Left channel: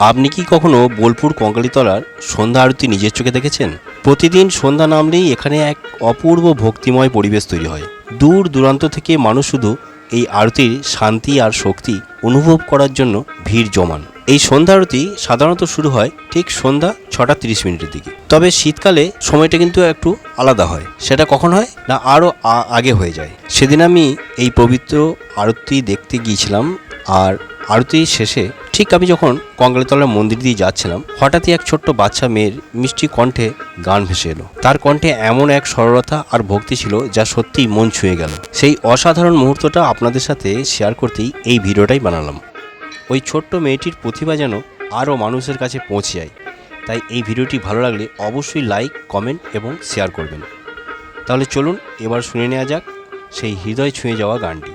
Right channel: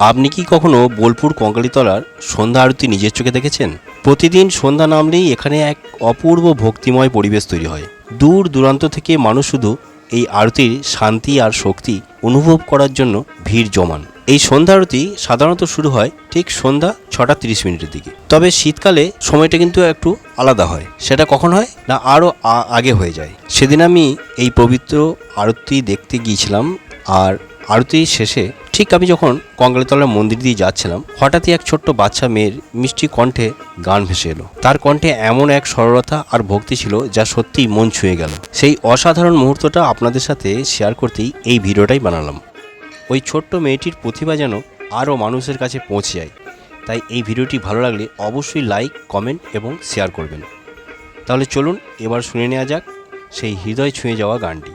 আপনি কি কখনো বোলপুর কঙ্কালীতলার সন্ধ্যা আরতি নিজের চোখে দেখেছেন? প্রতিদিন সন্ধ্যা নামলেই এখানে এক অপূর্ব ভক্তিময় পরিবেশ তৈরি হয়। দূর দূরান্ত থেকে মানুষ শুধু এই আরতির শান্তি আর শক্তি অনুভব করার জন্য ভিড় জমান। এই সন্ধ্যা আরতি সাধারণত শুরু হয় ঠিক সন্ধ্যা 6:30 দিকে। তবে শীতকালে সময়টা কিন্তু একটু আলাদা হয়। সেটা কখন হয় না, আরও আগে হয়ে যায়। সেদিন আমি এই পবিত্র আরতি দেখতে গিয়েছিলাম, আর আরতির শেষে ঠিক আমি যখন কঙ্কালীতলার মন্দির দিয়ে যাচ্ছিলাম, হঠাৎই এক ছোট্ট বাচ্চা মেয়ের মিষ্টি কণ্ঠে গান ভেসে এলো। তার কণ্ঠে এমন এক সরলতা আর ভক্তি ছিল যা সত্যিই মন ছুঁয়ে গেল। সেই অসাধারণ মুহূর্তটা আপনাদের সাথে শেয়ার করতেই এই ভিডিওটাই বানালাম। ওই ছোট্ট মেয়েটির প্রতিভা যেন আরও মানুষের কাছে পৌঁছে যায়। তাই এই ভিডিওটি ভালো লাগলে অবশ্যই লাইক, কমেন্ট এবং শেয়ার করবেন। তাহলে চলুন এবার শুনে নেওয়া যাক সেই হৃদয় ছুঁয়ে যাওয়া গানটি।